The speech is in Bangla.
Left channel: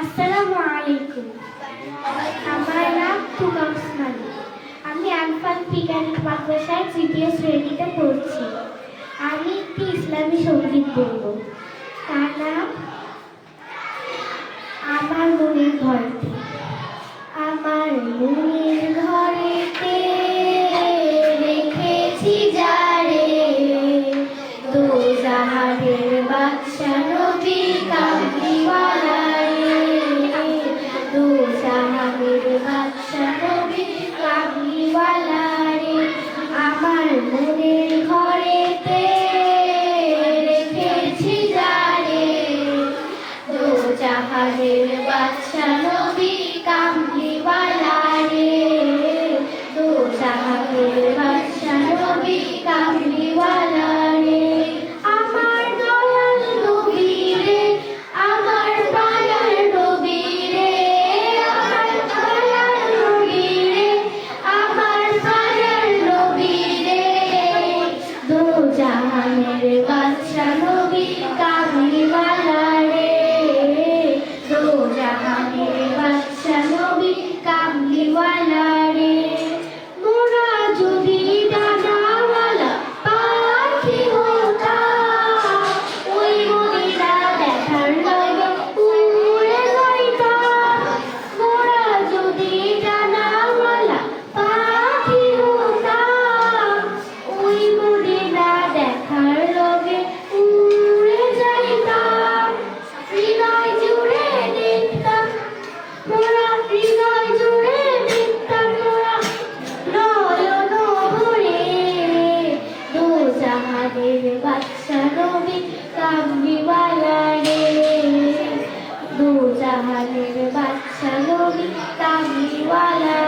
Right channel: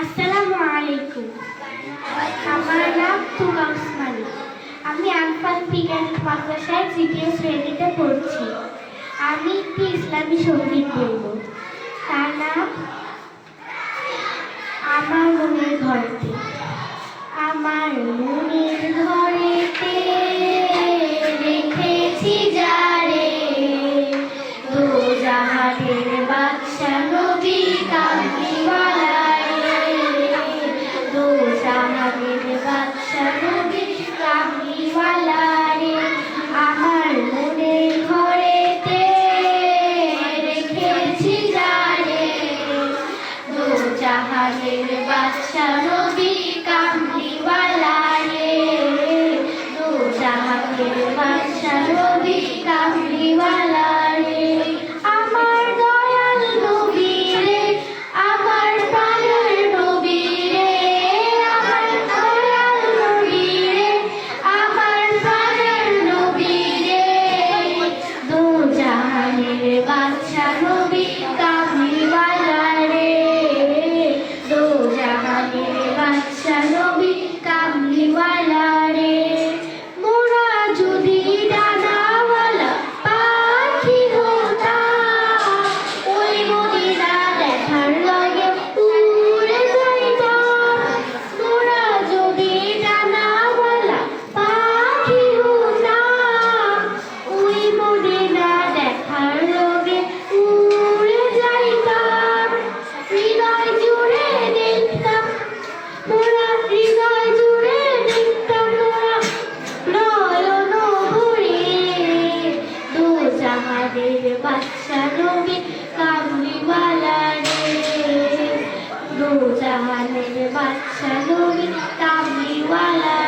আসসালামু আলাইকুম। আমার নাম তুমা উসমানী। আমি আনফান বিজ্ঞান মাদ্রাসায় তৃতীয় শ্রেণীতে পড়ছি। আমি একটি ইসলামী সঙ্গীত বলব। তার নাম আমার মনের ঘরটি। আমার মনের ঘরেতে রেখেছি যারে, দো জাহানের বাদশা নবী কামলিওয়ালা রে, দো জাহানের বাদশা নবী কামলিওয়ালা রে। আমার মনের ঘরেতে রেখেছি যারে, দো জাহানের বাদশা নবী কামলিওয়ালা রে, দো জাহানের বাদশা নবী কামলিওয়ালা রে। আমার দয়াল নবী রে, আমার দয়াল নবী রে, আমার দয়াল নবী রে, আমার দয়াল নবী রে, দো জাহানের বাদশা নবী কামলিওয়ালা রে, দো জাহানের বাদশা নবী কামলিওয়ালা রে। মোরা যদি ডানাওয়ালা পাখি হতাম, ওই মদিনা দেখার লাগে উড়ে যাইতাম। মোরা যদি ডানাওয়ালা পাখি হতাম, ওই মদিনা দেখার লগে উড়ে যাইতাম। হৃদয় জুড়ে নিতাম মোরা, হৃদয় জুড়ে নিতাম মোরা নয়ন ভরে, দো জাহানের বাদশা নবী কামলিওয়ালা রে, দো জাহানের বাদশা নবী কামলিওয়ালা